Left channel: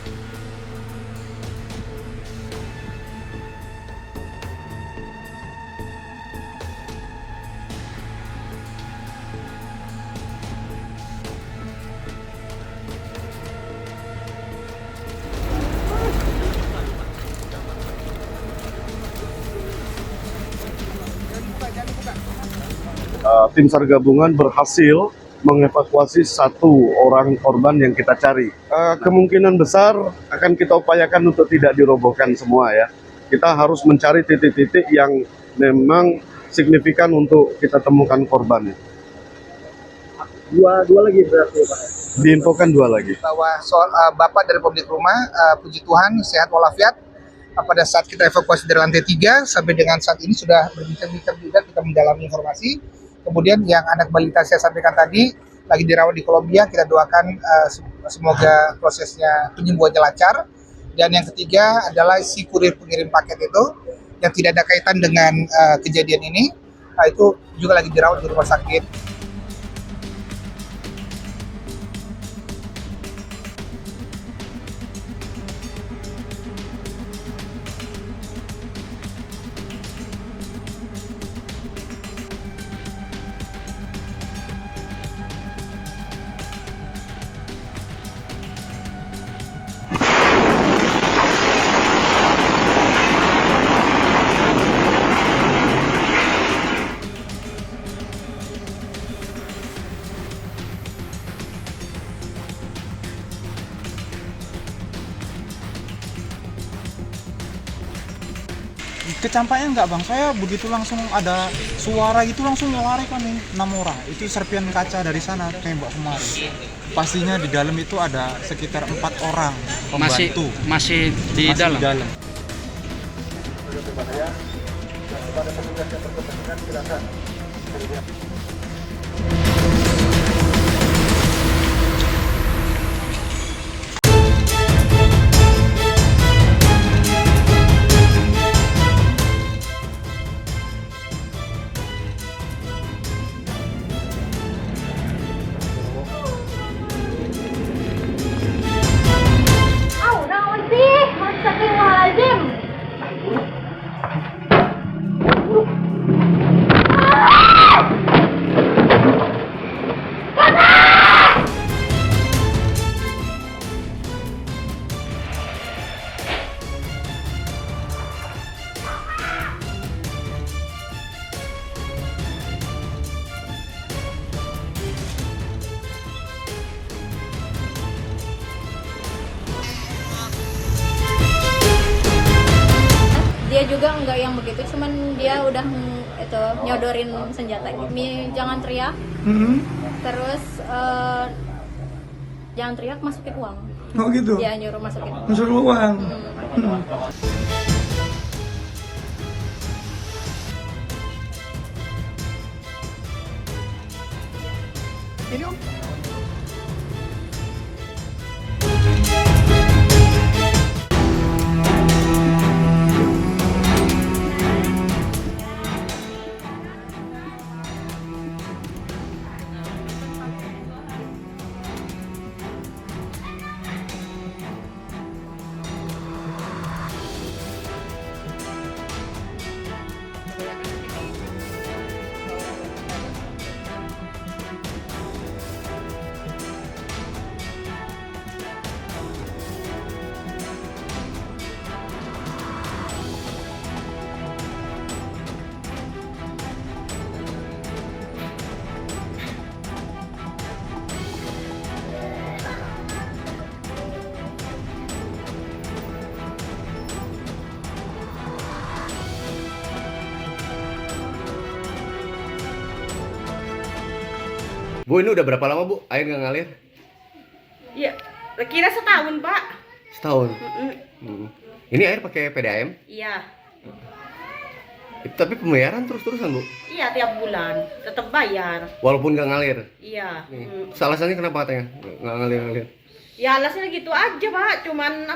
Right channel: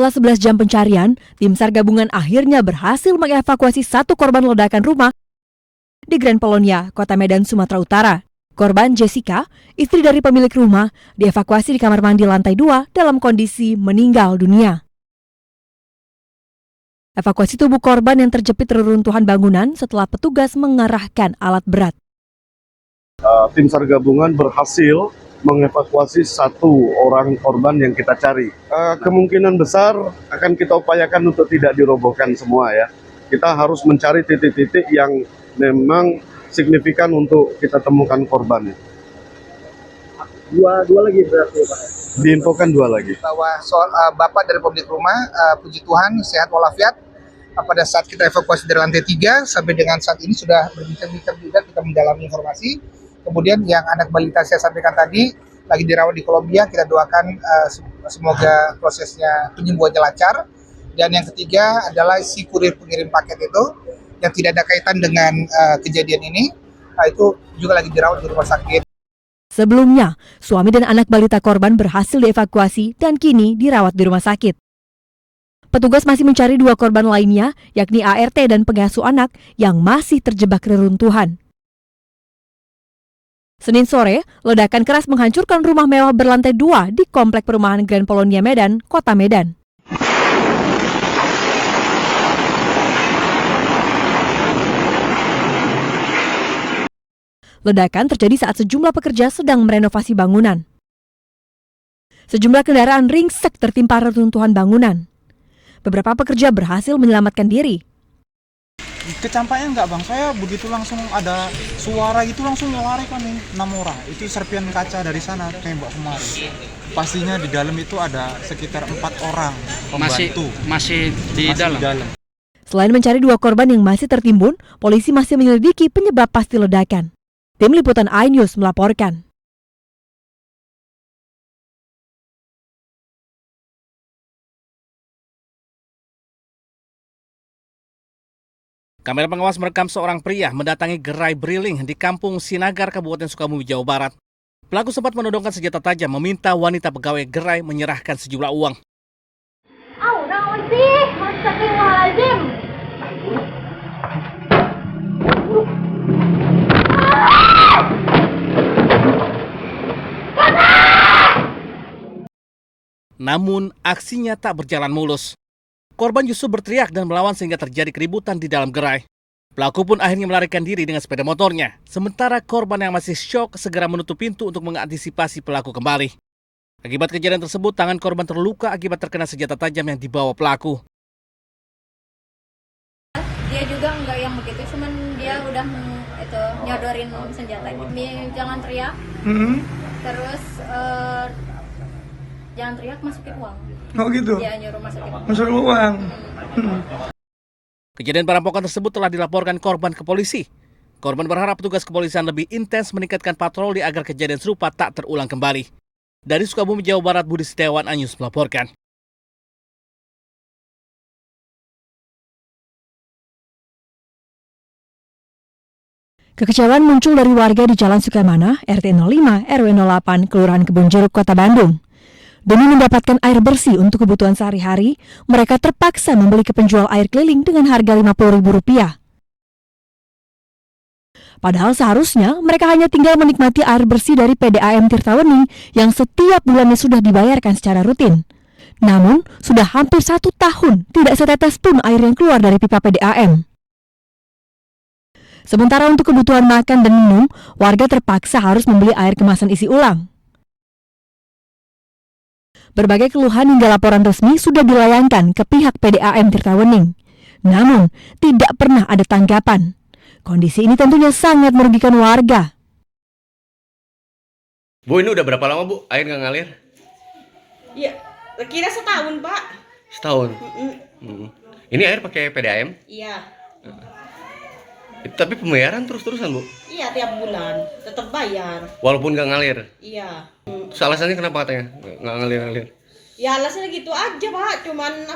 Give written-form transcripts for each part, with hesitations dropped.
Setelah 11 jam pencarian, tim SAR gabungan akhirnya berhasil mengevakuasi satu korban ledakan rumah di Grand Polonia, Kota Medan, Sumatera Utara. Korban Jessica, istri dari pemilik rumah, dievakuasi di kamar mandi lantai 2 dalam kondisi meninggal dunia. Evakuasi tubuh korban yang terjepit reruntuhan bangunan setelah petugas mengerahkan alat berat. Tim SAR gabungan berhasil mengevakuasi satu orang korban yang kita cari. Kemungkinan besar akan kita upayakan untuk tidak dirobohkan semua ya. Kita harus mencari titik-titik yang memang signifikan untuk kita temukan korbannya. Dua lagi berarti Pak? Diinfokan 2 lagi. Bahwa soal Bapak dari pemilik rumah, puji Tuhan sehat walafiat. Pada saat kita evakuasi dari lantai 3 sampai dengan saat ini sudah berbincang-bincang juga, kita mendalami informasi. Kemudian yang anak balita saya sampaikan tadi lagi dirawat di Kolombia, kita doakan semoga prosesnya penyembuhannya lancar. Dan yang ketiga adalah si kurir pengirim paket itu yang tidak ada kaitan dengan kejadian ini, itu juga lagi dirawat di rumah sakit. Sebelumnya, suami dan anak balita korban berhasil dievakuasi dan kini dirawat di rumah sakit. Petugas masih mencari 2 korban lainnya, yakni ART dan pengasuh anak yang masih terjebak reruntuhan. Senin sore, ledakan keras menghancurkan rumah mewah berlantai 2 di Komplek Perumahan Grand Polonia Medan, Kota Medan. Ledakan terjadi saat sejumlah pekerja sedang merenovasi bangunan. Sejumlah kendaraan ringsek tertimpa reruntuhan bangunan. Beberapa pekerja berhasil menyelamatkan diri. Kecampaknya enggak bang, saya begitu langsung ada suara gitu langsung melarikan nih 6 orang. Itu serpian kaca dari sana tembak kemari. Pastinya di dalam itu ada sekitar 4 orang pembantu. Masih di dalam. Selain mencari 2 korban yang masih tertimbun, polisi masih menyelidiki penyebab pasti ledakan. Tim Liputan iNews melaporkan. Kamera pengawas merekam seorang pria mendatangi gerai briling di Kampung Sinagar, Kabupaten Sukabumi, Jawa Barat. Pelaku sempat menodongkan senjata tajam meminta wanita pegawai gerai menyerahkan sejumlah uang. Naon sih? Astagfirullahaladzim. Namun aksinya tak berjalan mulus. Korban justru berteriak dan melawan sehingga terjadi keributan di dalam gerai. Pelaku pun akhirnya melarikan diri dengan sepeda motornya. Sementara korban yang masih syok segera menutup pintu untuk mengantisipasi pelaku kembali. Akibat kejadian tersebut, tangan korban terluka akibat terkena senjata tajam yang dibawa pelaku. Dia juga enggak yang begitu, cuman dia udah nyodorin senjata. Jangan teriak. Terus jangan teriak, masukin uang. Oh gitu? Dia nyuruh masukin uang. Masukin uang. Kejadian perampokan tersebut telah dilaporkan korban ke polisi. Korban berharap petugas kepolisian lebih intens meningkatkan patroli agar kejadian serupa tak terulang kembali. Dari Sukabumi, Jawa Barat, Budi Setiawan, iNews melaporkan. Kekecewaan muncul dari warga di Jalan Sukamana, RT 05, RW 08, Kelurahan Kebun Jeruk, Kota Bandung. Demi mendapatkan air bersih untuk kebutuhan sehari-hari, mereka terpaksa membeli ke penjual air keliling dengan harga Rp50.000. Padahal seharusnya mereka hanya tinggal menikmati air bersih dari PDAM Tirtawening yang setiap bulannya sudah dibayarkan secara rutin. Namun, sudah hampir 1 tahun tidak setetes pun air yang keluar dari pipa PDAM. Sementara untuk kebutuhan makan dan minum, warga terpaksa harus membeli air kemasan isi ulang. Berbagai keluhan hingga laporan resmi sudah dilayangkan ke pihak PDAM Tirtawening. Namun, tidak pernah ada tanggapan. Kondisi ini tentunya sangat merugikan warga. Bu, ini udah berapa lama Bu air nggak ngalir? Ya, kira setahun Pak. Setahun? Ini air pakai PDAM? Iya. Tapi pembayaran terus-terusan Bu? Iya, tiap bulan tetap bayar. Walaupun nggak ngalir? Iya. Terus alasannya kenapa katanya nggak ngalir-ngalir? Ya alasannya gitu aja Pak, cuman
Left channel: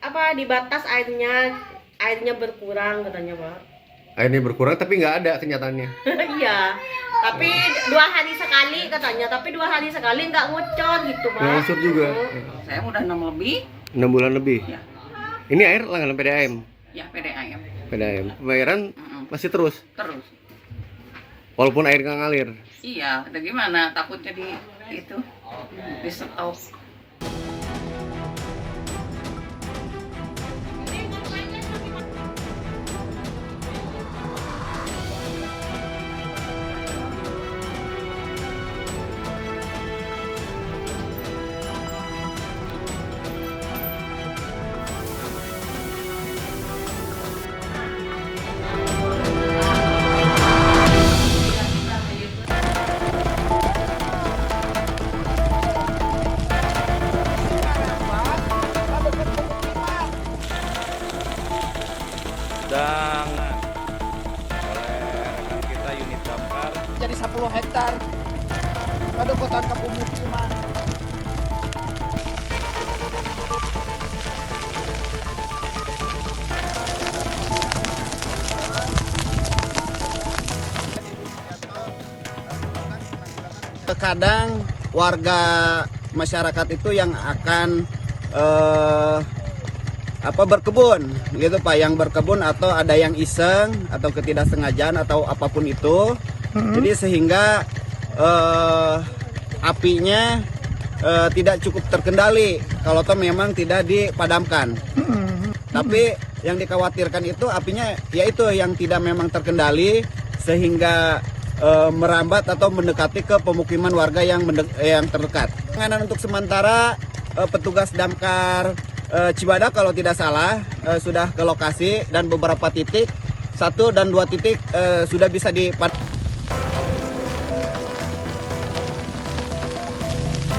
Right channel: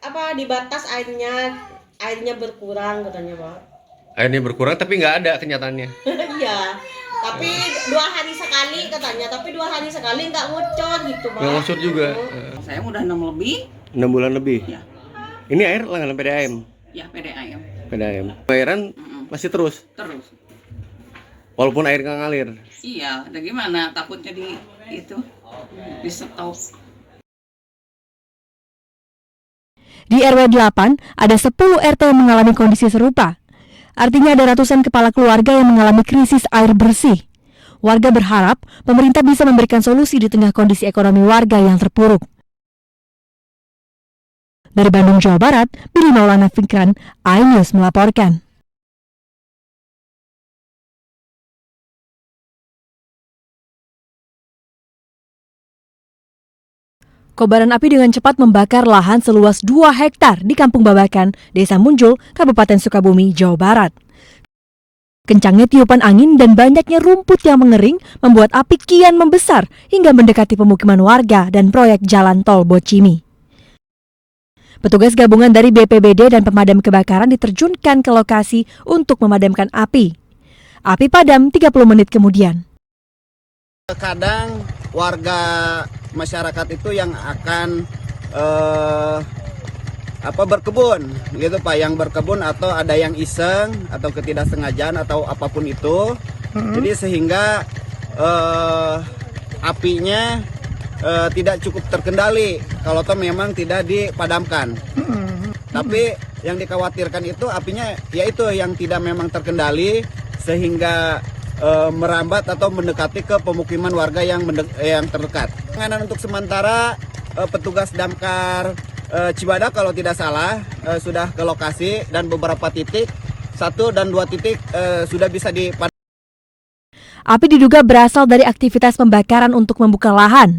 apa dibatas airnya berkurang katanya Pak. Airnya berkurang tapi nggak ada kenyataannya? Iya, tapi 2 hari sekali katanya, tapi 2 hari sekali nggak ngucur gitu Pak. Nggak ngucur juga? Saya udah 6 lebih, 6 bulan lebih. Ya. Ini air langganan PDAM. Ya, PDAM. PDAM. Bayaran masih terus. Terus. Walaupun air nggak ngalir. Iya, ada gimana? Takutnya di stop. Di RW 8, ada 10 RT yang mengalami kondisi serupa. Artinya ada ratusan kepala keluarga yang mengalami krisis air bersih. Warga berharap pemerintah bisa memberikan solusi di tengah kondisi ekonomi warga yang terpuruk. Dari Bandung, Jawa Barat, Billy Maulana Fikran, iNews melaporkan. Kobaran api dengan cepat membakar lahan seluas 2 hektar di Kampung Babakan, Desa Munjul, Kabupaten Sukabumi, Jawa Barat. Kencangnya tiupan angin dan banyaknya rumput yang mengering membuat api kian membesar hingga mendekati pemukiman warga dan proyek jalan tol Bocimi. Petugas gabungan dari BPBD dan pemadam kebakaran diterjunkan ke lokasi untuk memadamkan api. Api padam 30 menit kemudian. Terkadang warga masyarakat itu yang akan berkebun gitu Pak, yang berkebun atau ada yang iseng atau ketidaksengajaan atau apapun itu. Jadi sehingga apinya tidak cukup terkendali kalau toh memang tidak dipadamkan. Tapi yang dikhawatirkan itu apinya yaitu yang tidak memang terkendali sehingga merambat atau mendekati ke pemukiman warga yang terdekat. Penanganan untuk sementara petugas damkar Cibadak kalau tidak salah sudah ke lokasi dan beberapa titik 1 dan 2 titik sudah bisa dipadamkan. Api diduga berasal dari aktivitas pembakaran untuk membuka lahan.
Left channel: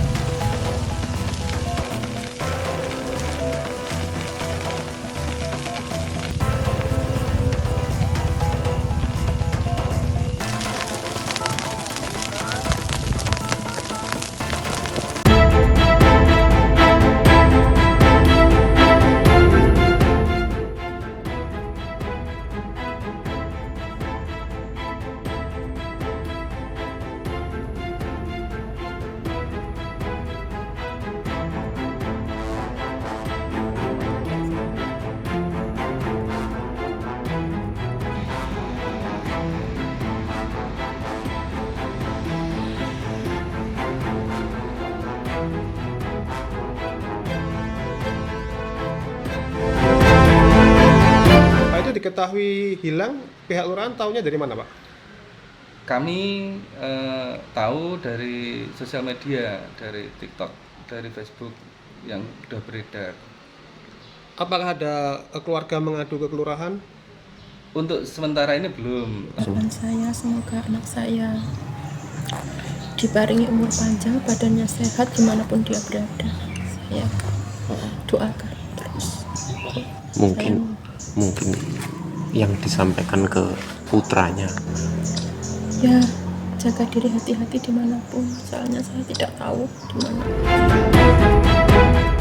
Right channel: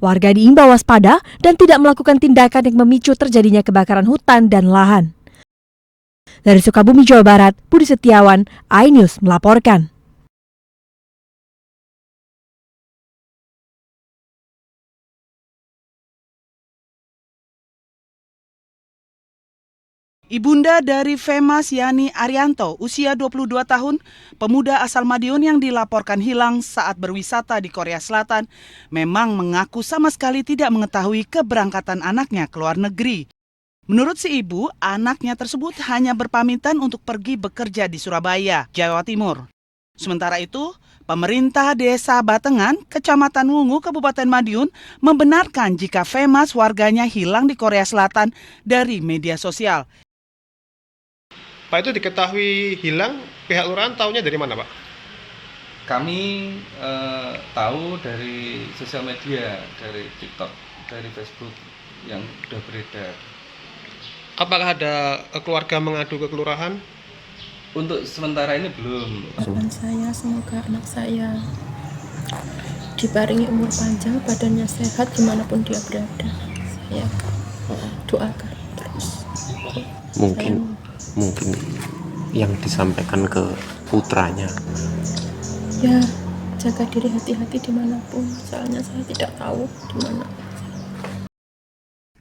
Warga diimbau waspada dan tidak melakukan tindakan yang memicu terjadinya kebakaran hutan dan lahan. Dari Sukabumi, Jawa Barat, Budi Setiawan, iNews melaporkan. Ibunda dari Femas Yani Arianto, usia 22 tahun, pemuda asal Madiun yang dilaporkan hilang saat berwisata di Korea Selatan, memang mengaku sama sekali tidak mengetahui keberangkatan anaknya ke luar negeri. Menurut si ibu, anaknya tersebut hanya berpamitan untuk pergi bekerja di Surabaya, Jawa Timur. Sementara itu, pemerintah Desa Batengan, Kecamatan Wungu, Kabupaten Madiun, membenarkan jika Femas warganya hilang di Korea Selatan dari media sosial. Pak, itu diketahui hilang, pihak lurahan tahunya dari mana, Pak? Kami tahu dari sosial media, dari TikTok, dari Facebook yang sudah beredar. Apakah ada keluarga mengadu ke kelurahan? Untuk sementara ini belum. Harapan saya semoga anak saya diparingi umur panjang, badannya sehat dimanapun dia berada. Saya doakan terus. Mungkin yang disampaikan ke putranya. Ya, jaga diri, hati-hati dimanapun. Soalnya saya tidak tahu di mana.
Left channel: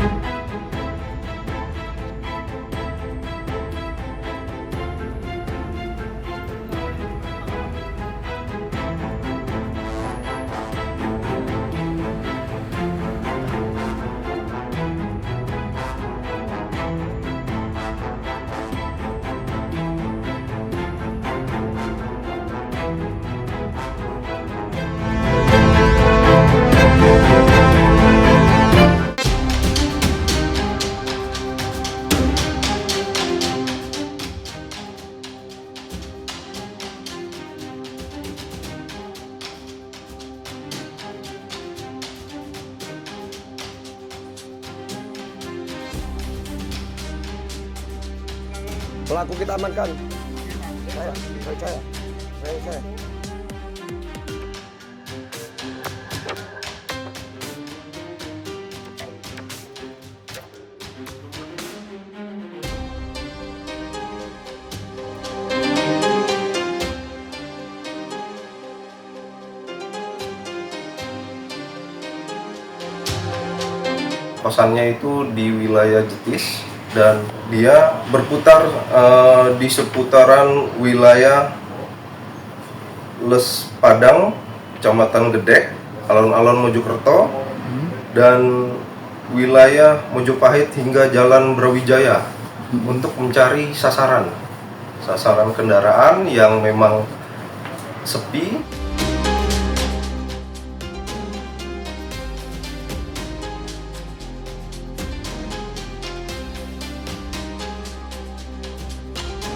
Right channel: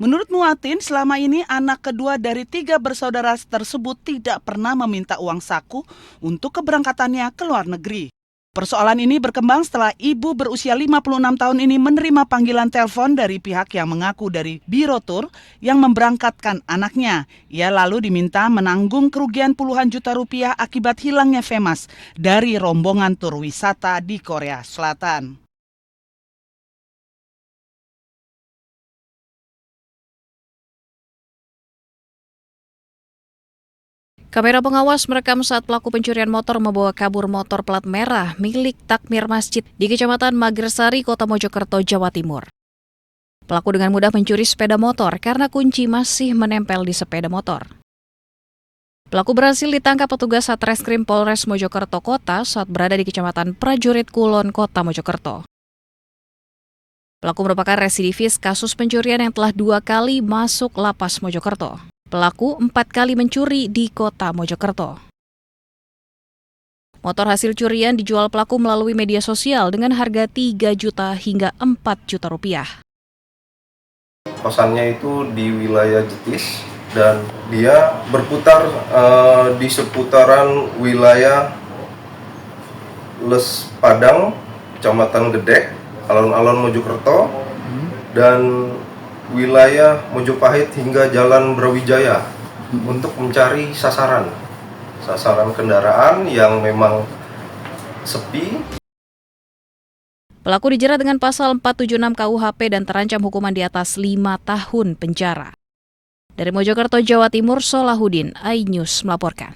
Menurut Muatin, selama ini anak kedua dari 3 bersaudara tersebut tidak pernah meminta uang saku untuk keberangkatannya ke luar negeri. Persoalan ini berkembang setelah ibu berusia 56 tahun ini menerima panggilan telepon dari pihak yang mengaku dari Biro Tur yang memberangkatkan anaknya. Ia lalu diminta menanggung kerugian puluhan juta rupiah akibat hilangnya Femas dari rombongan tur wisata di Korea Selatan. Kamera pengawas merekam saat pelaku pencurian motor membawa kabur motor plat merah milik takmir masjid di Kecamatan Magersari, Kota Mojokerto, Jawa Timur. Pelaku dengan mudah mencuri sepeda motor karena kunci masih menempel di sepeda motor. Pelaku berhasil ditangkap petugas Satreskrim Polres Mojokerto Kota saat berada di Kecamatan Prajurit Kulon, Kota Mojokerto. Pelaku merupakan residivis kasus pencurian yang telah 2 kali masuk lapas Mojokerto. Pelaku 4 kali mencuri di Kota Mojokerto. Motor hasil curian dijual pelaku melalui media sosial dengan harga 3 juta hingga 4 juta rupiah. Kosannya itu di wilayah Jetis dan dia berputar di seputaran wilayah Les Padang, Kecamatan Gedek, alun-alun Mojokerto, dan wilayah Mojopahit hingga Jalan Brawijaya untuk mencari sasaran kendaraan yang memang sepi. Pelaku dijerat dengan pasal 476 KUHP dan terancam hukuman di atas 5 tahun penjara. Dari Mojokerto, Jawa Timur, Solahuddin, iNews melaporkan.